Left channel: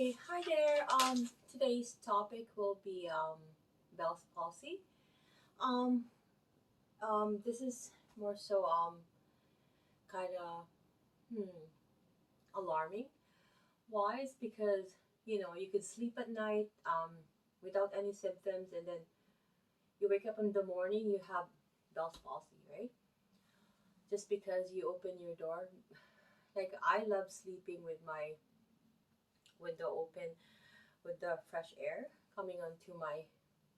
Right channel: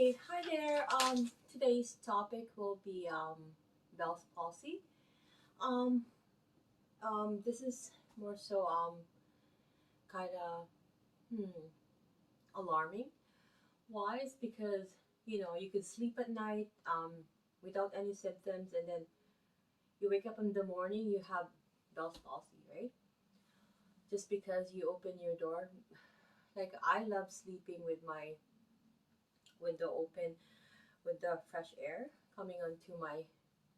Okay, hi there. Today's topic will be Bell's palsy. Um, this is more so kind of alarming. Why? It's because you could sleep at night without any symptoms, and then you wake up in the morning, you have Bell's palsy, right? Just because you open your door. Like I love sleeping with my window open, with the fresh air coming onto my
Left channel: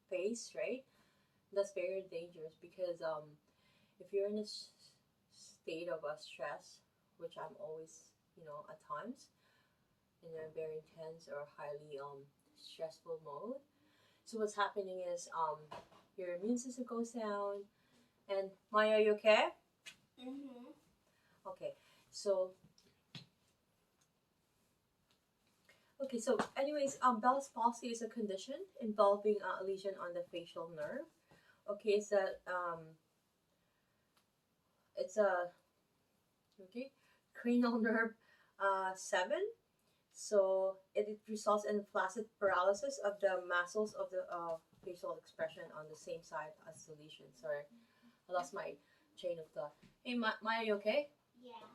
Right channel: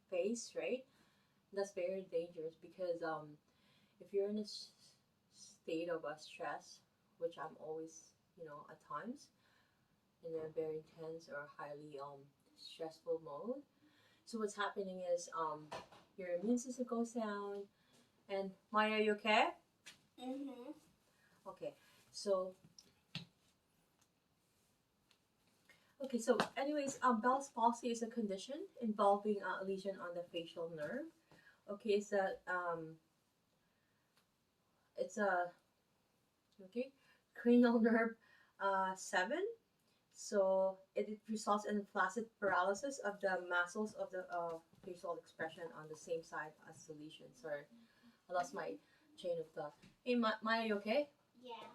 face, right? That's very dangerous because if you're in a state of stress, which I'm always, at times in a very intense or highly stressful mode. So what's happening is your immune system goes down. And Maya, you okay? Mm-hmm. Okay. So anyways, Bell's palsy is a condition involving a lesion on the facial nerve. Okay, it's a okay cranial nerve 7. So it results in flaccid paralysis of the muscles of the facial expression on the same side as the lesion. Sorry, I lost my chain of thought. Hey, Maya, you okay? Yeah.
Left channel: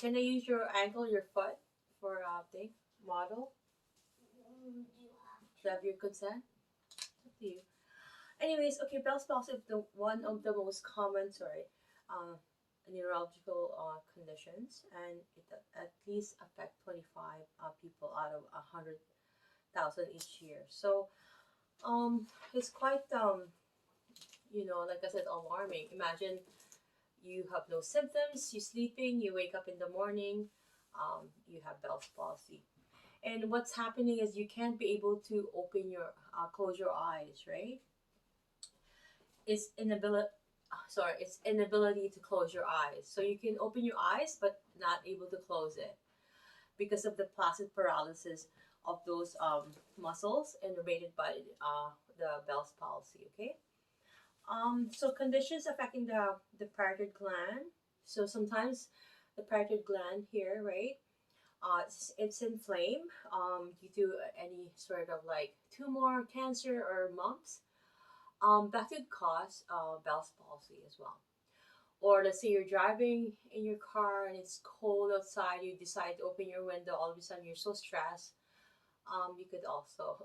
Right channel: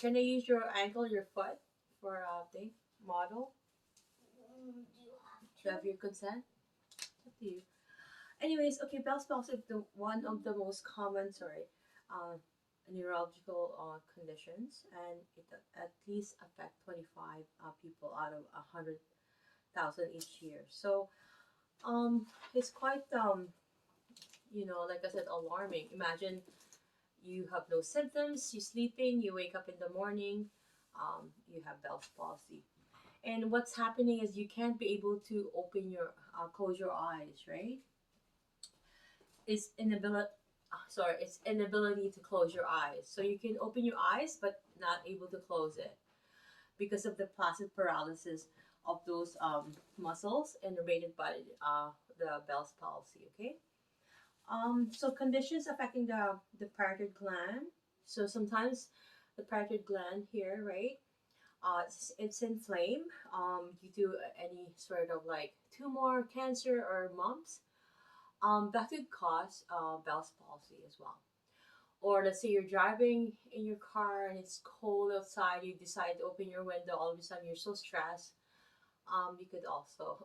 Can I use your ankle, your foot for thing model? Do you have your consent? It's up to you. Anyways, okay, Bell's palsy is the one of the most common, uh, neurological conditions, and it at least affect 25 people out of 100,000 each year. So, it's quite like I said, alarming. Imagine you have no symptoms, you're sleeping, you wake up in the morning, you have Bell's palsy. And what's happening is you can't be able to close your eyes, right? It's inability it's inability to close your eyes. So you can open your eyes but not able to close it because of the flaccid paralysis of those muscles innervated by the Bell's palsy. Okay. So conditions affecting the parotid gland. So sometimes the parotid gland here, right? It's inflamed due to any sort of like tumor, cancer, or mumps. That could cause Bell's palsy as well. Or let's say you're driving in your car and it's cold outside, you decide to open your window, all of a sudden you're so stressed. You could also,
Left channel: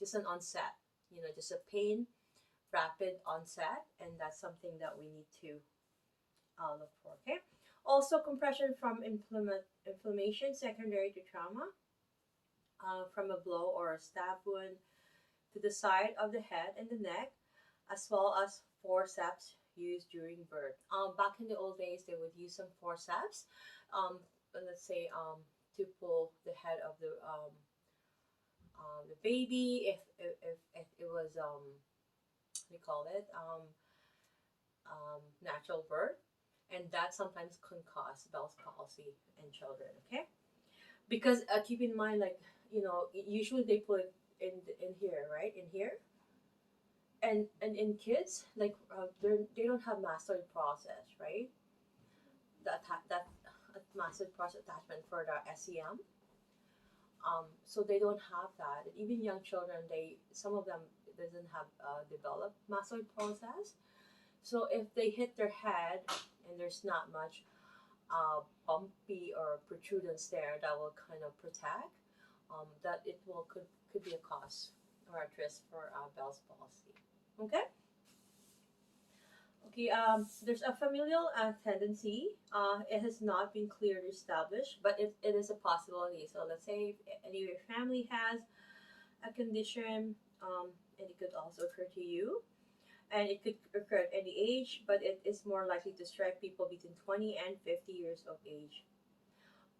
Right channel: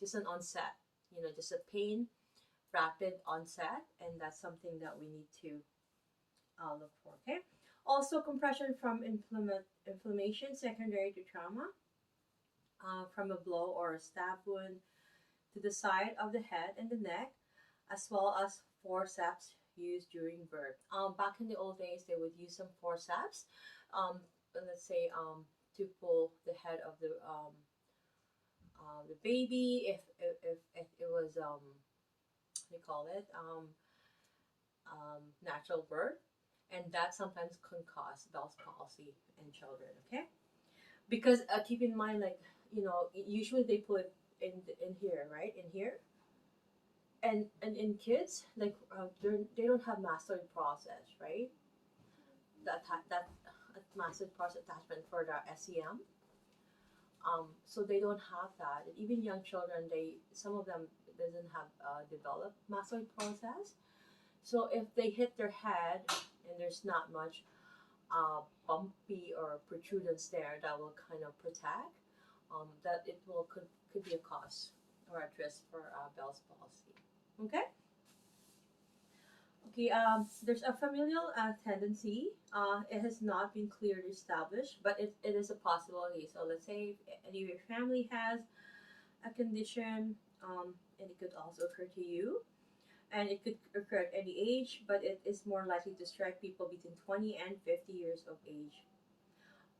just an onset, just a pain, rapid onset, and that's something that we need to look for, okay? Also, compression from inflammation secondary to trauma, from a blow or a stab wound to the side of the head and the neck, as well as forceps used during birth. Back in the old days, they would use some forceps, let's say, to pull the head of the baby if it was they call it natural birth, and that sometimes can cause Bell's palsy in children. Okay, because keep in mind, like usually they put in here, right, in here, and in kids, like they don't have mastoid process, right? That mastoid process attachment for the SEM. So they don't have that. Even young children, some of them doesn't have developed mastoid process. So if they hit their head and there's not much bumpy or protrudence there, that will kind of protect. That it will could be a cause or a risk for Bell's palsy. Okay. Okay. There's a familial tendency. It has not been clearly established, but it is a possibility. So let's say if any of your family has a condition, and it could also occur to you, and it could occur at any age, but it is more likely to strike people between 20 and 50 years of age.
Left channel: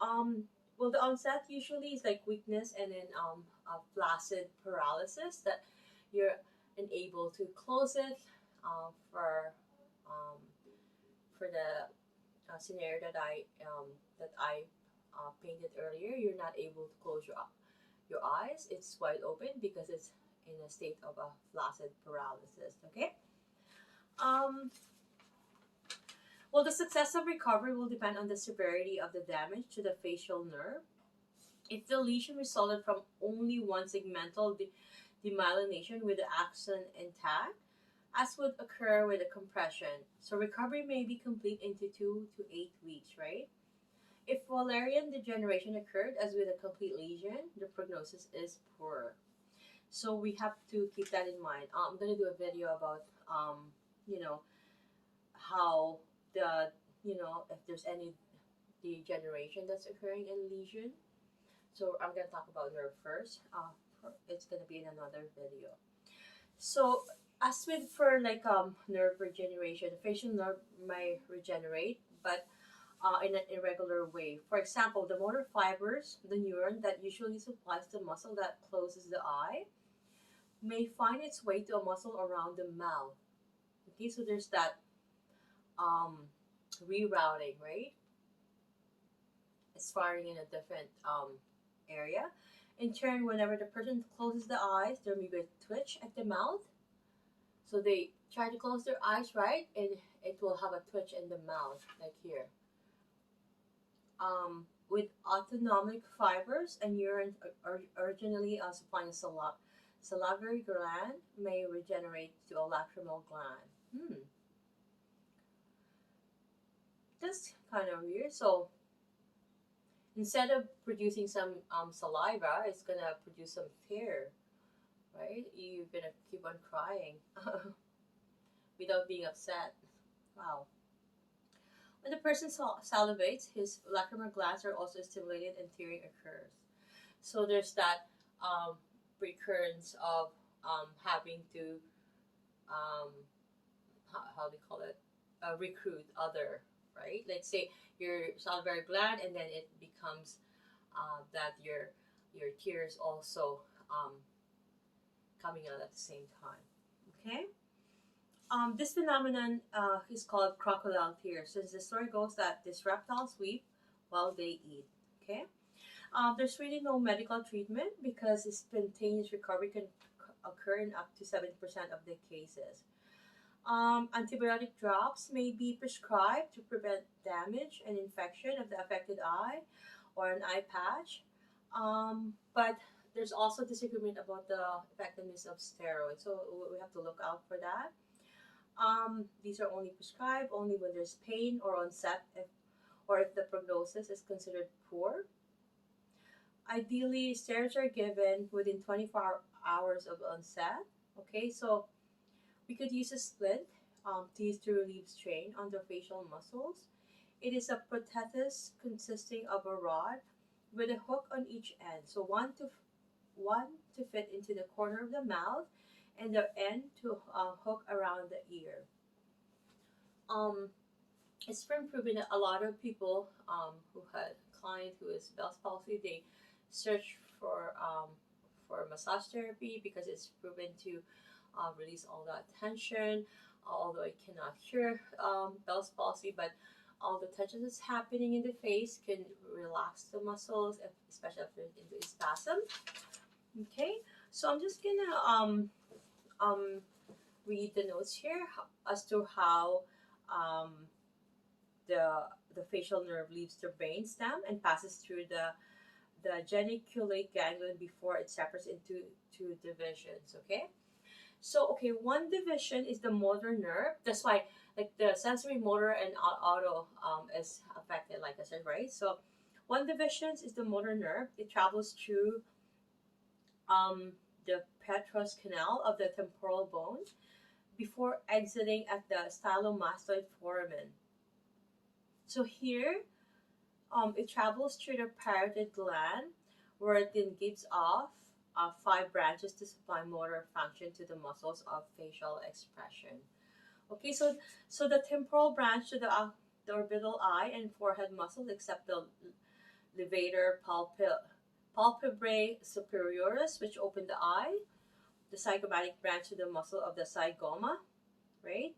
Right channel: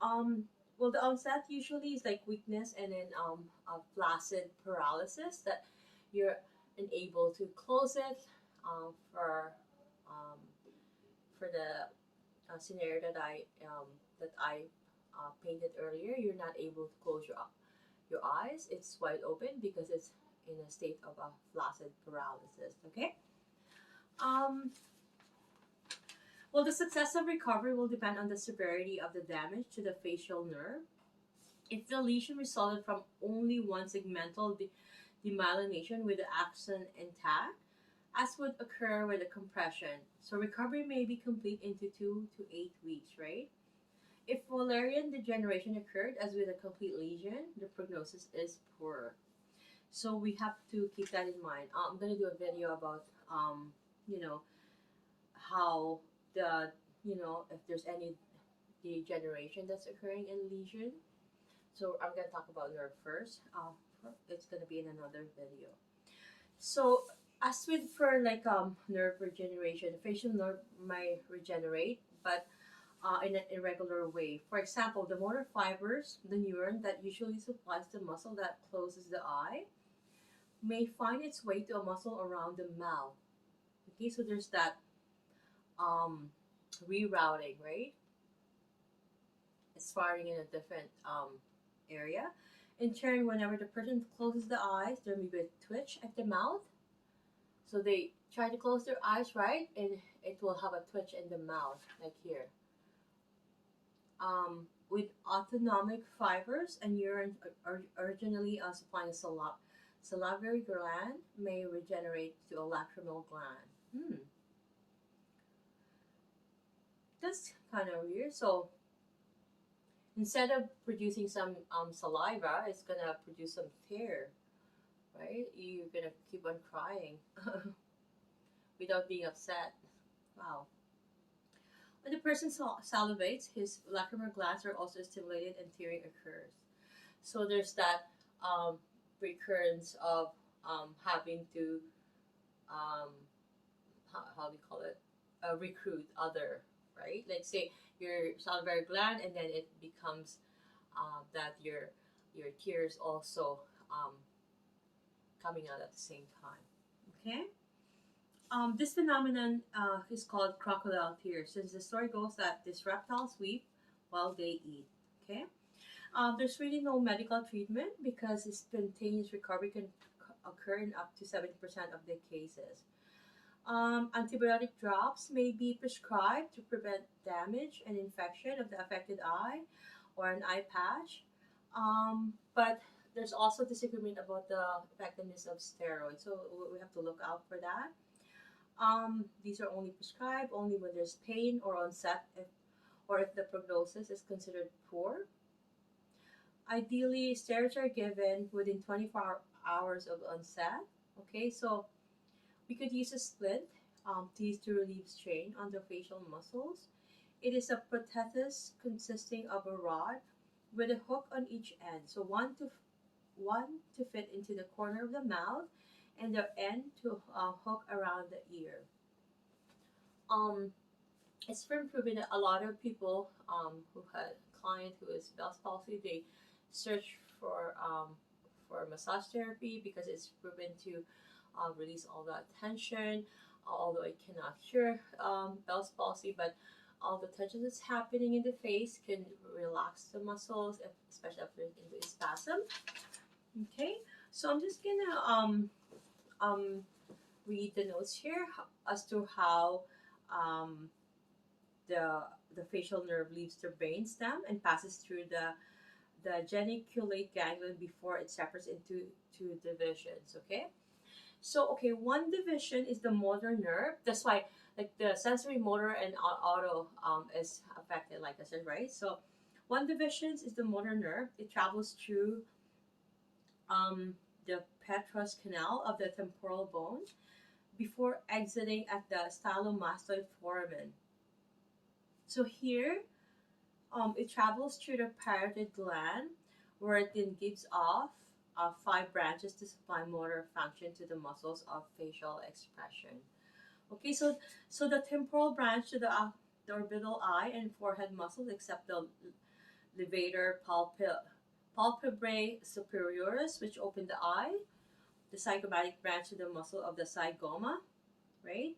Um, well, the onset usually is like weakness and then a flaccid paralysis that you're unable to close it um, for the scenario that I painted earlier. You're not able to close your eyes. It's wide open because it's in a state of a flaccid paralysis. Okay. Um, well, the success of recovery will depend on the severity of the damage to the facial nerve. If the lesion resulted from only one segmental demyelination with the axon intact, as would occur with a compression, so recovery may be complete into 2 to 8 weeks, right? If Wallerian degeneration occurred, as with a complete lesion, the prognosis is poor. So we have to keep that in mind. I'm gonna do a video about you know how the if there's any degeneration that's occurring in lesion. So I'm gonna talk about nerve first. It's gonna be in another video. So as with for like nerve regeneration, the facial nerve may regenerate, but in an irregular way. For example, the motor fibers, the neuron that usually supplies the muscle that closes the eye, may find its way to a muscle around the mouth. Okay, so there's that um, rerouting, right? It's firing in a different area. In turn, whenever the person closes the eyes, there may be a twitch at the mouth. So they try to close their eyes, right? And it will have a twitch in the mouth, like here. With autonomic fibers and urine originally supplying a salivary gland may regenerate to a lacrimal gland. That's kind of weird. So instead of producing some saliva, it's gonna produce some tear, right? You're gonna keep on crying without being upset. Wow. When the person salivates, his lacrimal glands are also stimulated and tearing occurs. So there's that recurrence of having to how do you call it, recruit other, right? Let's say your salivary gland, and then it becomes that your tears also coming out at the same time. Okay. This phenomenon is called crocodile tears, since the story goes that these reptiles weep while they eat. Okay. There's really no medical treatment because spontaneous recovery can occur in up to 70% of the cases. Antibiotic drops may be prescribed to prevent damage and infection of the affected eye or an eye patch. But there's also disagreement about the effectiveness of steroids, so we have to look out for that. These are only prescribed only when there's pain or onset, or if the prognosis is considered poor. Ideally, steroids are given within 24 hours of onset. Okay, so we could use a splint to use to relieve strain on the facial muscles. It is a prosthesis consisting of a rod with a hook on each end, so one to fit into the corner of the mouth, and the end to hook around the ear. Um, it's been proven that a lot of people who had a client who is Bell's palsy, they search for massage therapy because it's proven to release all that tension. Although it cannot cure Bell's palsy, but all the tension that's happening in the face can relax the muscles, especially after into a spasm. Okay, so I'm just gonna um read the notes here as to how um, the facial nerve leaves the brain stem and passes through the geniculate ganglion before it separates into two divisions. Okay, so okay, one division is the motor nerve. That's why like the sensory, motor, and auto is affected, like I said, right? So one division is the motor nerve. It travels through the petrous canal of the temporal bone before exiting at the stylomastoid foramen. So here, it travels through the parotid gland, where it then gives off five branches to supply motor function to the muscles of facial expression. Okay, so the temporal branch to the orbital eye and forehead muscles, except the levator palpebrae superioris, which open the eye, the zygomatic branch to the muscle of the zygoma, right?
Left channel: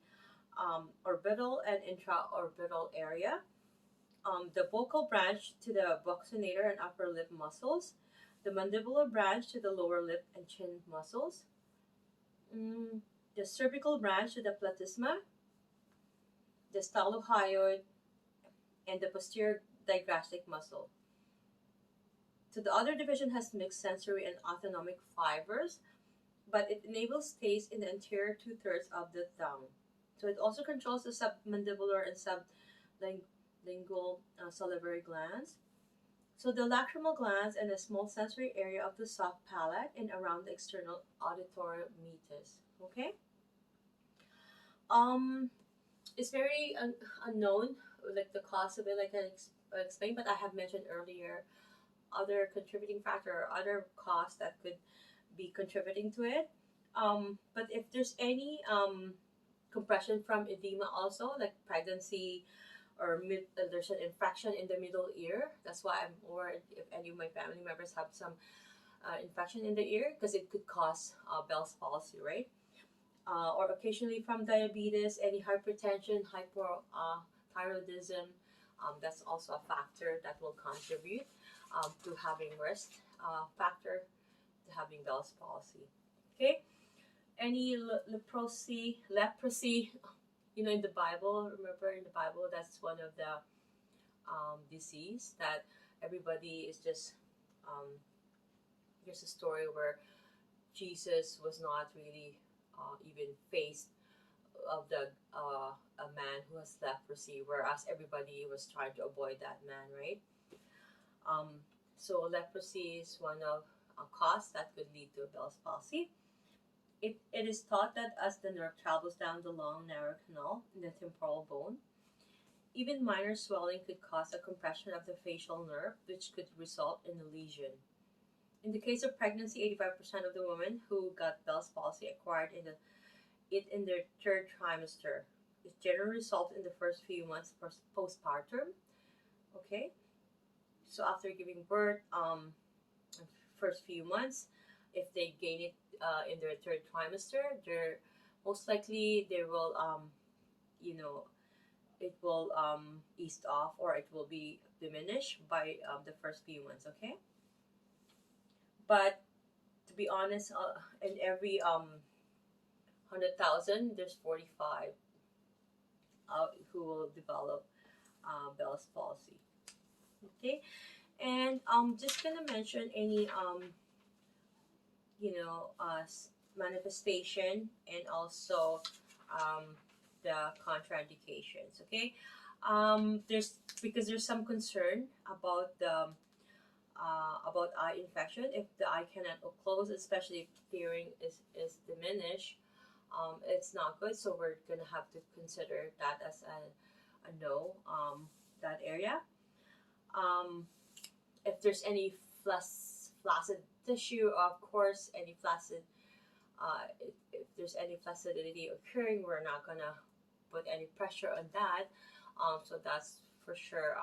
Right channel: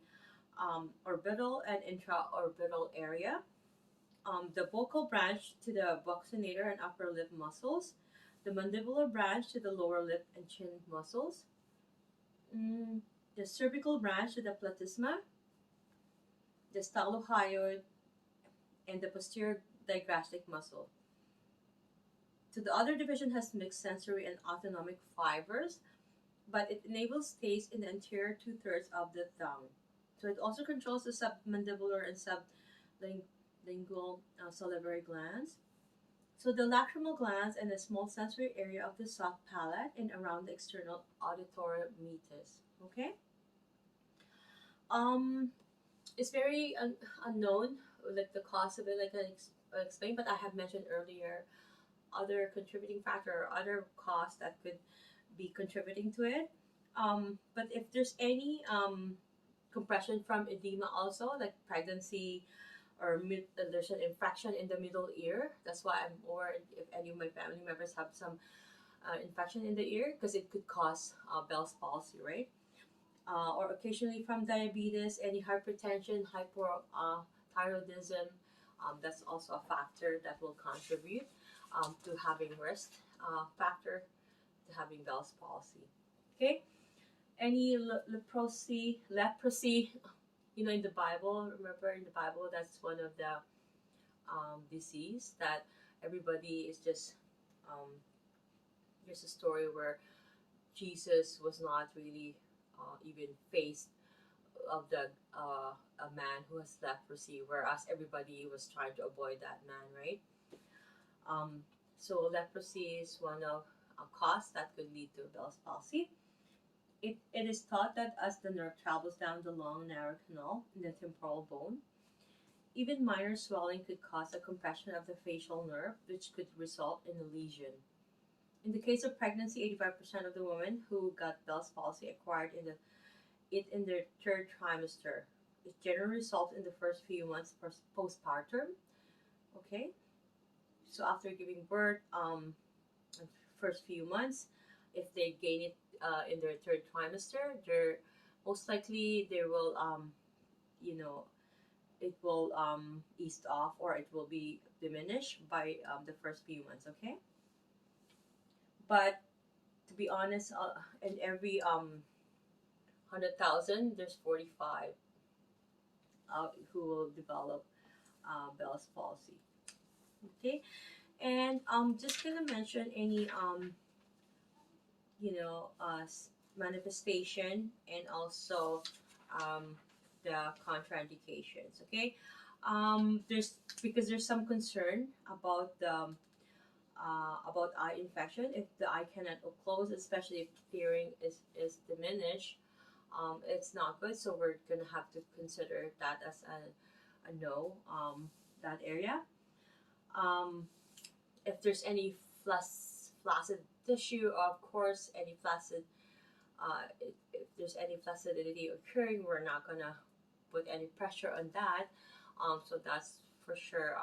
Orbital and intraorbital area. The buccal branch to the buccinator and upper lip muscles. The mandibular branch to the lower lip and chin muscles. The cervical branch to the platysma, the stylohyoid, and the posterior digastric muscle. So the other division has mixed sensory and autonomic fibers, but it enables taste in the anterior two-thirds of the tongue. So it also controls the submandibular and sublingual salivary glands. So the lacrimal glands and a small sensory area of the soft palate and around the external auditory meatus. Okay. Um, it's very unknown, like the cause of it, like I explained, but I have mentioned earlier other contributing factor or other cause that could be contributing to it. But if there's any compression from edema, also like pregnancy or there's an infection in the middle ear. That's why I'm worried if any of my family members have some infection in the ear because it could cause Bell's palsy, right? Or occasionally from diabetes, any hypertension, hypothyroidism. That's also a factor that will contribute to having risk factor to having Bell's palsy. Okay, any leprosy, in the Bible. Remember in the Bible, that's one of the disease that everybody is just. Um, Here's a story where Jesus was not really even faced of the a man who has leprosy, whereas everybody was trying to avoid that man, right? So leprosy is one of a cause that could lead to Bell's palsy. It is thought that as the nerve travels down the long, narrow canal in the temporal bone, even minor swelling could cause a compression of the facial nerve, which could result in a lesion. In the case of pregnancy, 85% of the women who got Bell's palsy acquired it in their third trimester. It generally results in the first few months postpartum. Okay, so after giving birth, first few months, if they gain it in their third trimester, they're most likely they will, you know, it will ease off or it will be diminished by the first few months. Okay, but to be honest, in every 100,000, there's 45 who will develop Bell's palsy. Okay, and just gonna mention any manifestation and also um, the contraindications. Okay, there's because there's some concern about eye infection if the eye cannot close, especially if hearing is diminished. It's not good, so we're gonna have to consider that as a no. That area. Um, if there's any flaccid tissue, of course, any flaccid. If there's any flaccidity occurring, we're not gonna put any pressure on that. So that's for sure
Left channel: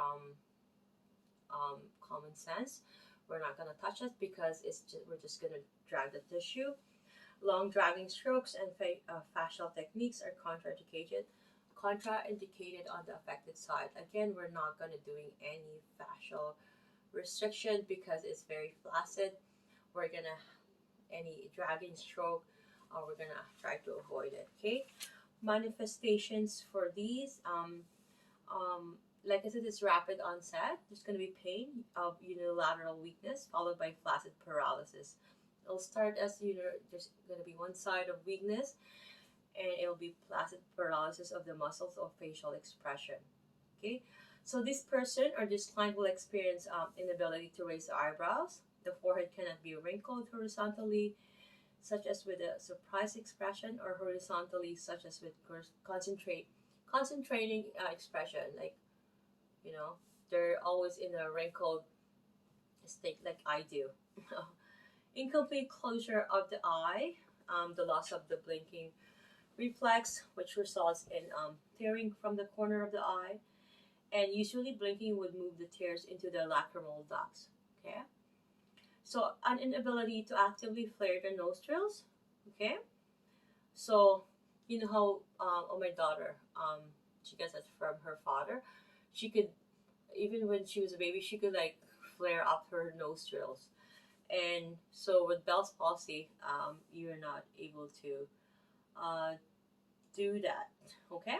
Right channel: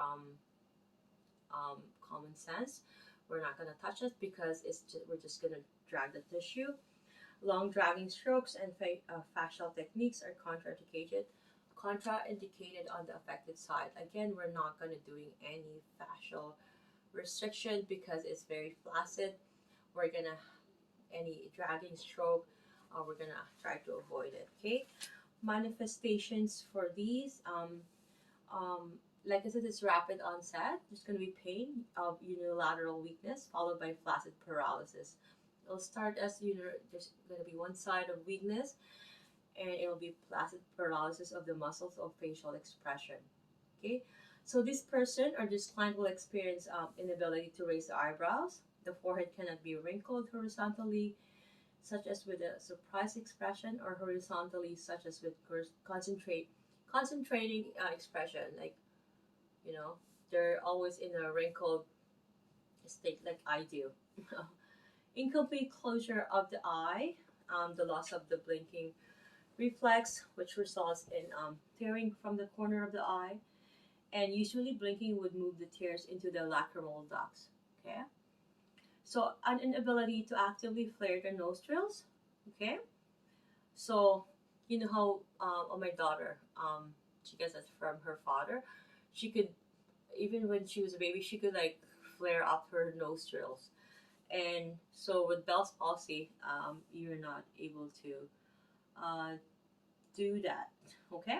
common sense. We're not gonna touch it because we're just gonna drag the tissue. Long dragging strokes and fascial techniques are contraindicated on the affected side. Again, we're not going to doing any fascial restriction because it's very flaccid. We're going to any dragging stroke, we're going to try to avoid it. Okay, manifestations for these, like I said, it's rapid onset. There's going to be pain of unilateral weakness followed by flaccid paralysis. It'll start as there's going to be one side of weakness, and it'll be flaccid paralysis of the muscles or facial expression. Okay, so this person or this client will experience inability to raise the eyebrows. The forehead cannot be wrinkled horizontally, such as with a surprise expression, or horizontally, such as with concentrating expression. Like they're always in a wrinkled state, like I do. Incomplete closure of the eye, the loss of the blinking reflex, which results in tearing from the corner of the eye, and usually blinking would move the tears into the lacrimal ducts. Okay, so an inability to actively flare the nostrils. Okay, so you know how my daughter, she gets it from her father. She could, even when she was a baby, she could like flare up her nostrils. And so with Bell's palsy, you're not able to do that. Okay.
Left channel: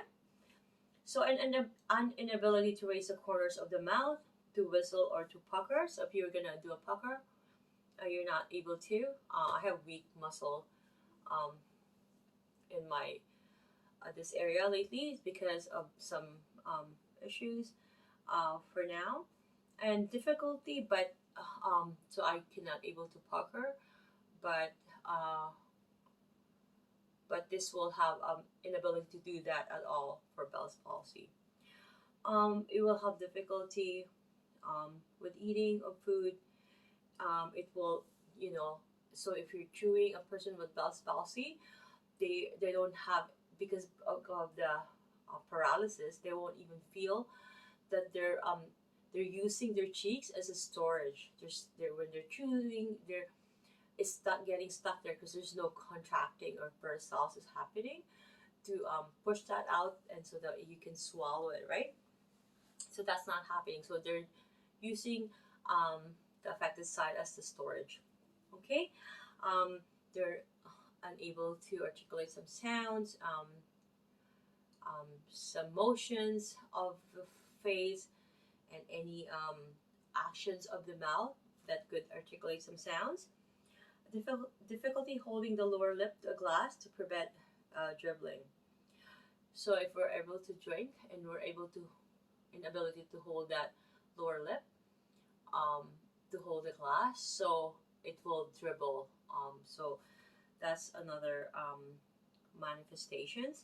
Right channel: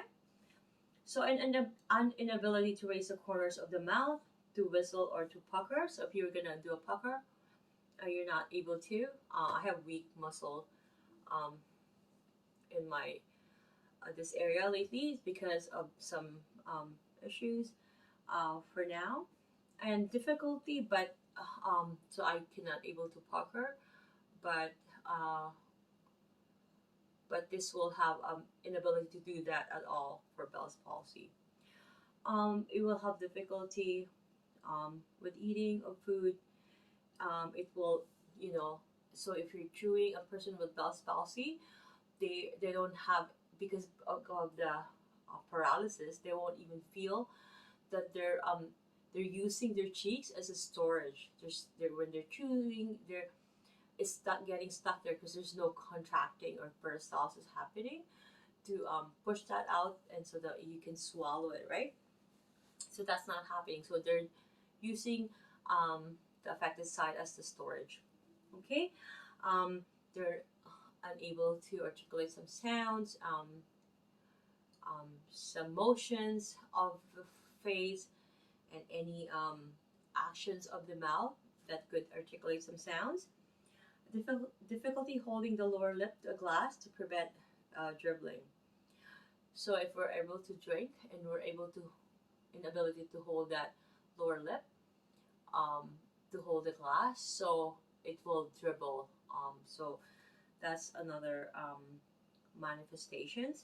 So an inability to raise the corners of the mouth, to whistle or to pucker. So if you're gonna do a pucker, you're not able to. I have weak muscle um, in my this area lately because of some issues for now and difficulty, but so I cannot able to pucker, but uh, this will have inability to do that at all for Bell's palsy. It will have difficulty with eating of food. It will, you know, so if you're chewing a person with Bell's palsy, they don't have, because of the paralysis, they won't even feel that they're using their cheeks as a storage. They're when they're chewing, it's not getting stuck there because there's no contracting or peristalsis happening to push that out, and so that you can swallow it, right? So that's not happening. So they're using the affected side as the storage. Okay, they're unable to articulate some sounds, some motions of the face, and any actions of the mouth that could articulate some sounds. Difficulty holding the lower lip to a glass to prevent dribbling. So if we're able to drink and we're able to inability to hold that lower lip, um, to hold the glass, so it will dribble. So that's another manifestations.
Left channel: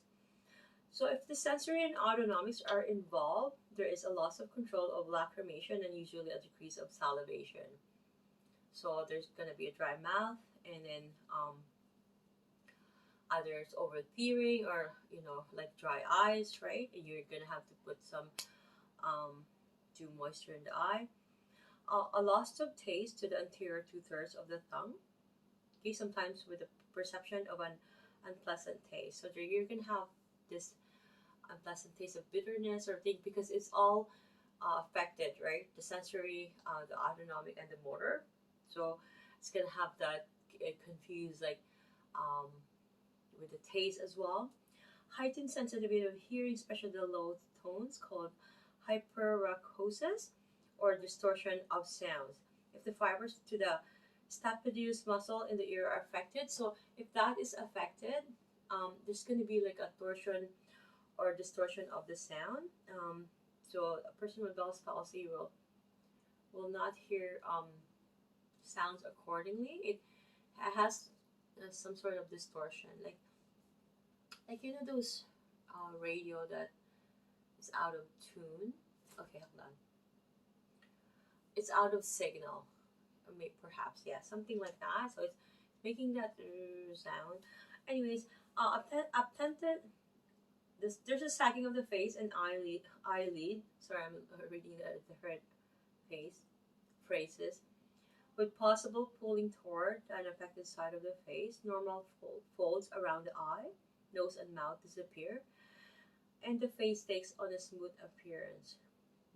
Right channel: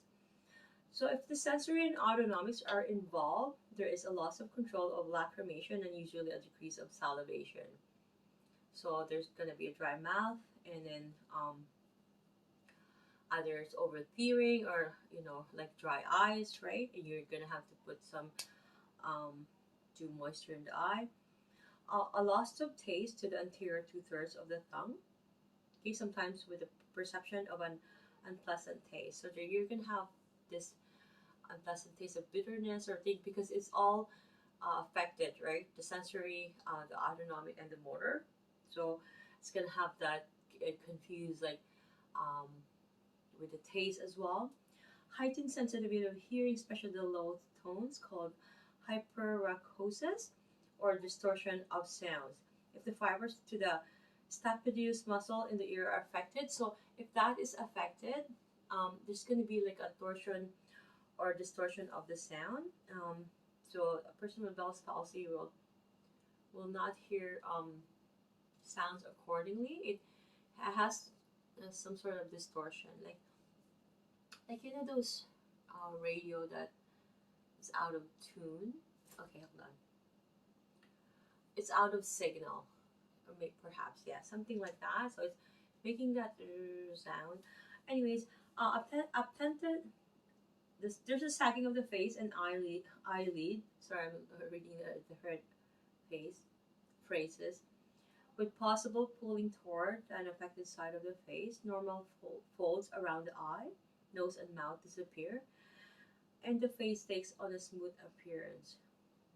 So if the sensory and autonomics are involved, there is a loss of control of lacrimation and usually a decrease of salivation. So there's gonna be a dry mouth, and then either it's over tearing or like dry eyes, right? And you're gonna have to put some do moisture in the eye. A loss of taste to the anterior two-thirds of the tongue. Okay, sometimes with the perception of an unpleasant taste. So there you're gonna have this unpleasant taste of bitterness or thing because it's all affected, right? The sensory, the autonomic, and the motor. So it's gonna have that confused, like um, with the taste as well. Heightened sensitivity of hearing, especially the low tones, called hyperacusis or distortion of sounds. If the fibers to the stapedius muscle in the ear are affected, so if that is affected, there's going to be like a torsion or distortion of the sound. So a person with Bell's palsy will not hear sounds accordingly. It has some sort of distortion, like those radio that is out of tune. Okay, hold on. It's out of signal, or maybe perhaps, yeah, something like that. So it's making that sound. Anyways, obtended. There's a sagging of the face and eyelid. Sorry, I'm reading the different face phrases. With possible pulling toward an affected side of the face, normal folds around the eye, nose, and mouth disappear, and the face takes on a smooth appearance.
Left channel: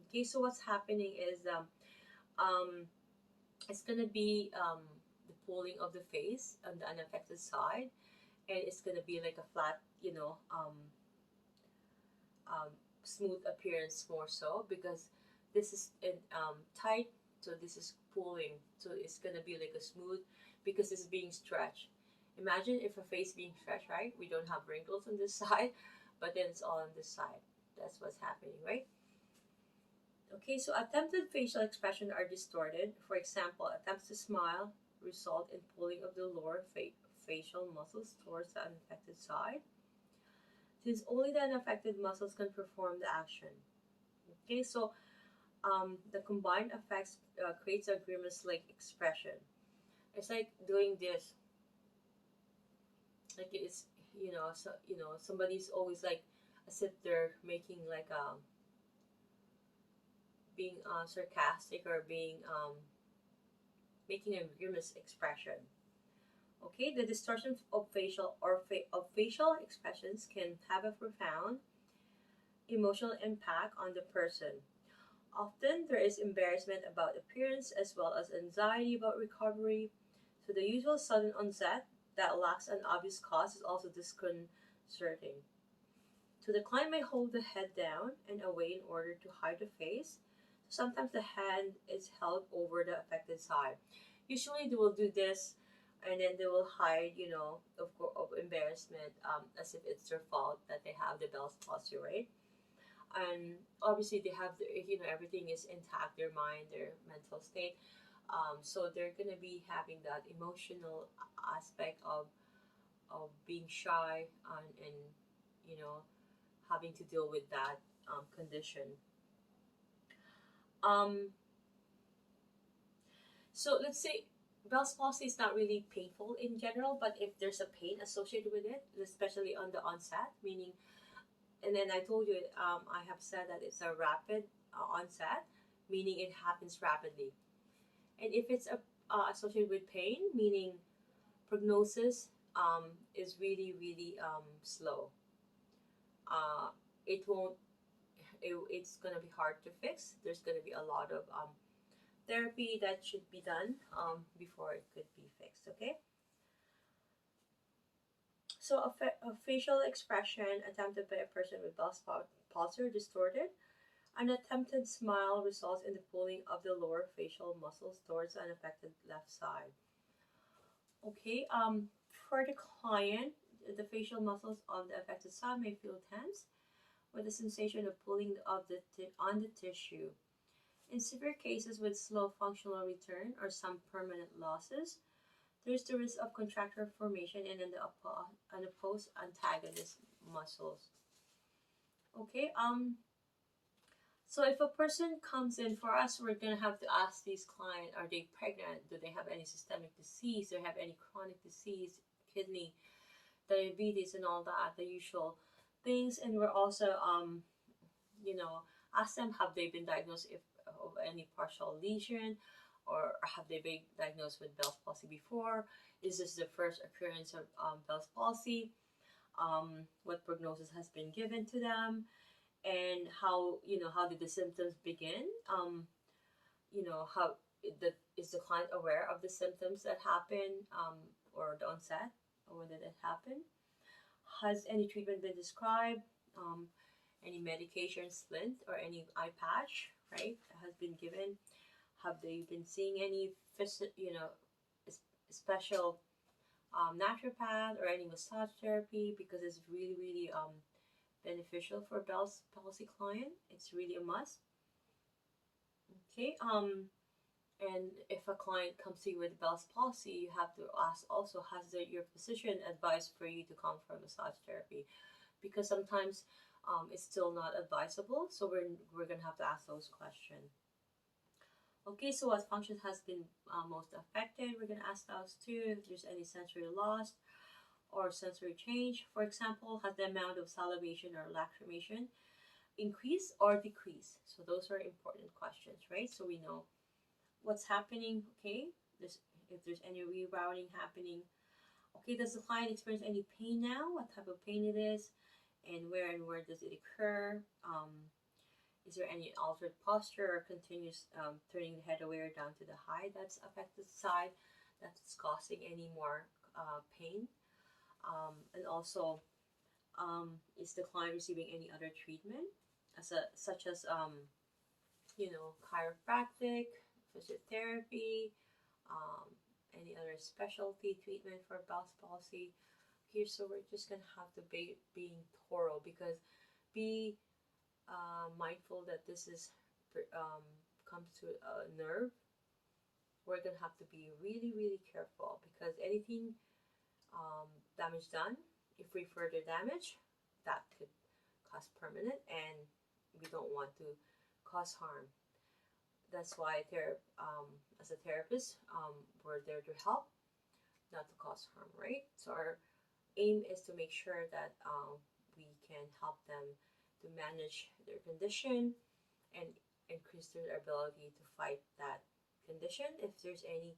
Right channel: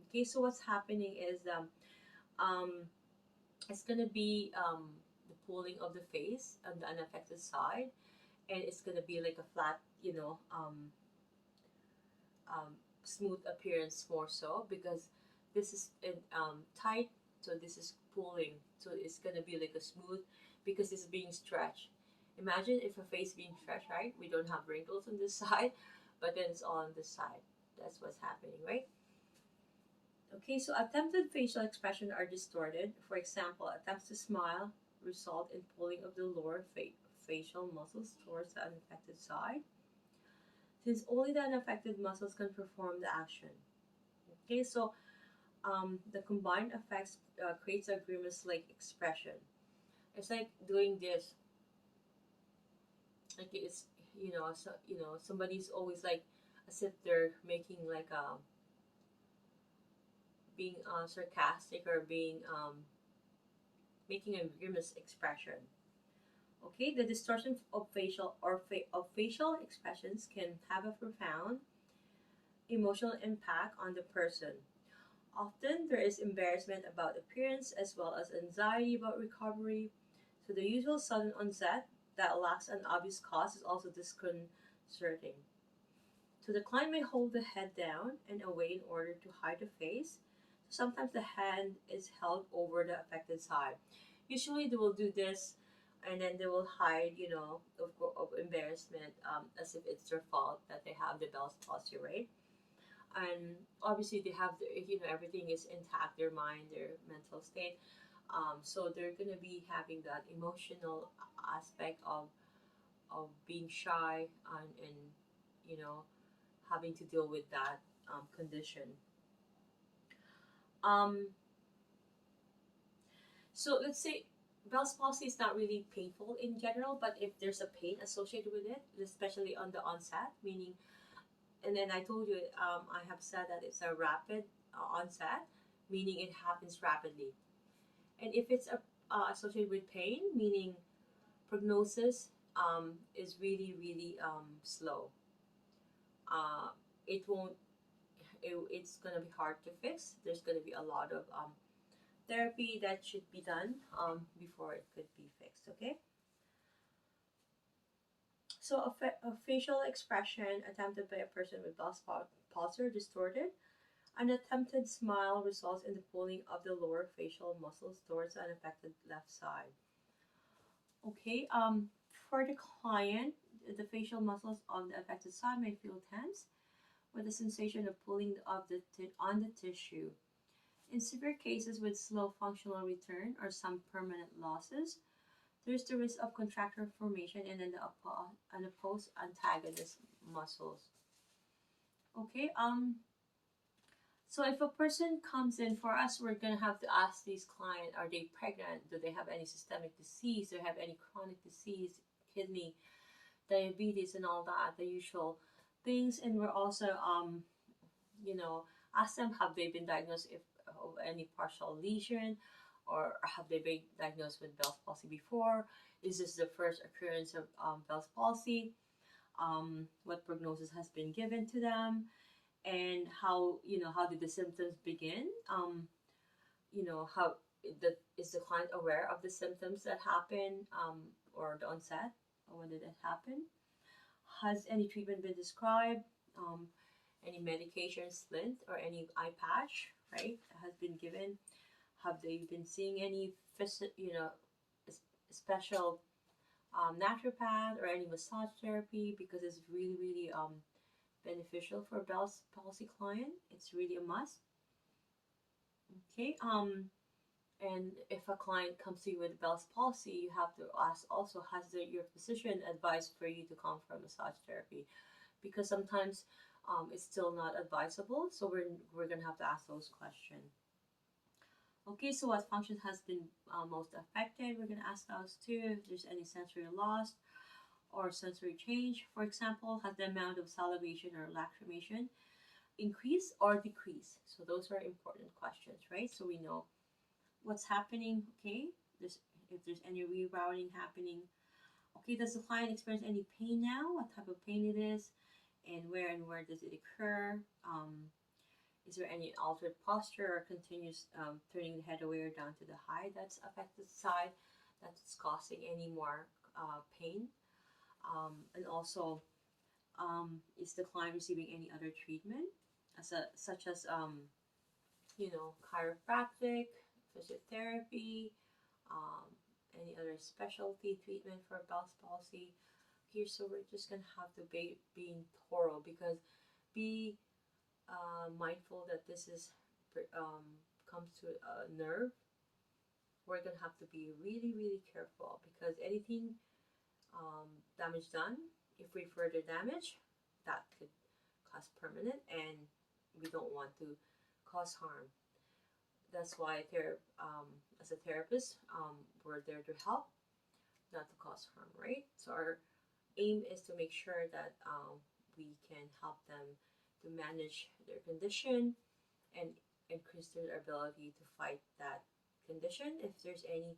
Okay, so what's happening is it's gonna be the pulling of the face on the unaffected side, and it's gonna be like a flat, smooth appearance more so because this is in tight, so this is pulling, so it's gonna be like a smooth because it's being stretched. Imagine if a face being stretched, right? We don't have wrinkles on this side, but then it's all on this side. That's what's happening, right? Okay, so attempted facial expression are distorted. For example, attempts to smile result in pulling of the lower facial muscles towards the unaffected side, since only the unaffected muscles can perform the action. Okay, so the combined effects creates a grimace-like expression. It's like doing this, like it's somebody's always like as if they're making like being sarcastic or being making a grimace expression. Okay, the distortion of facial expressions can have a profound emotional impact on the person. Often there is embarrassment about appearance as well as anxiety about recovery. So the usual sudden onset that lacks an obvious cause is also disconcerting. So the client may hold the head down and away in order to hide the face. Sometimes the hand is held over the affected side. Usually they will do this, and then they will hide, of embarrassment, as if it's their fault that they have the Bell's palsy, right? And obviously they have everything is intact, their mind, their mental state. So they're gonna be having that emotional aspect of being shy, and you know having to deal with that condition. Um, so let's say Bell's palsy is not really painful in general, but if there's a pain associated with it, especially on the onset, meaning, and then I told you, I have said that it's a rapid onset, meaning it happens rapidly. And if it's associated with pain, meaning prognosis is really, really slow. Uh, it won't, it's going to be hard to fix. There's going to be a lot of therapy that should be done before it could be fixed, okay? So a facial expression attempted by a person with palsy or distorted. An attempted smile results in the pulling of the lower facial muscles towards an affected left side. Okay, for the client, the facial muscles on the affected side may feel tense with the sensation of pulling of on the tissue. In severe cases with slow functional return or some permanent losses, there's the risk of contracture formation in the opposed antagonist muscles. Okay, so if a person comes in for us, we're gonna have to ask these client: Are they pregnant? Do they have any systemic disease? Do they have any chronic disease, kidney, diabetes, and all that, the usual things? And we're also you know, ask them, have they been diagnosed if of any partial lesion, or have they been diagnosed with Bell's palsy before? Is this the first occurrence of Bell's palsy? What prognosis has been given to them? And how did the symptoms begin? How is the client aware of the symptoms that happen, or the onset, or when did it happen? Has any treatment been described? Any medication, splint, or any eye patch, right, has been given? Have they been seeing any special naturopath or any massage therapy? Because it's really, really beneficial for Bell's palsy client. It's really a must. Okay. And if a client comes to you with Bell's palsy, you have to ask also, has your physician advised for you to come for massage therapy? Because sometimes it's still not advisable. So we're gonna have to ask those questions. Okay, so what function has been most affected? We're gonna ask those too. If there's any sensory loss or sensory change, for example, has the amount of salivation or lacrimation increase or decrease? So those are important questions, right? So we know what's happening. Okay, if there's any rerouting happening. Okay, does the client experience any pain now? What type of pain it is, and where does it occur? Is there any altered posture or continuous turning the head away or down to the high that's affected side that's causing any more pain? And also, is the client receiving any other treatment, such as chiropractic, physiotherapy, any other specialty treatment for Bell's palsy? Here, so we're just gonna have to be being thorough, because be mindful that this is comes to a nerve. We're gonna have to be really, really careful, because anything damage done, if we further damage, that could cause permanent, and we don't want to cause harm. That's why as a therapist, we're there to help, not to cause harm, right? So our aim is to make sure that we can help them to manage their condition and increase their ability to fight that condition if there's any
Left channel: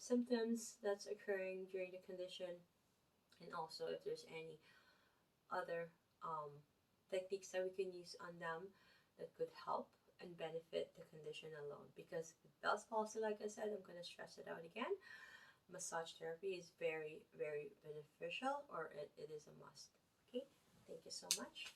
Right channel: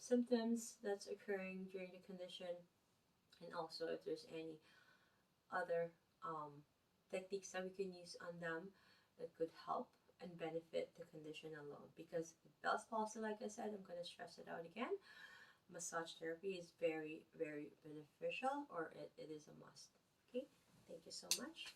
symptoms that's occurring during the condition, and also if there's any other techniques that we can use on them that could help and benefit the condition alone. Because with Bell's palsy, like I said, I'm going to stress it out again, massage therapy is very, very beneficial, or it is a must. Okay, thank you so much.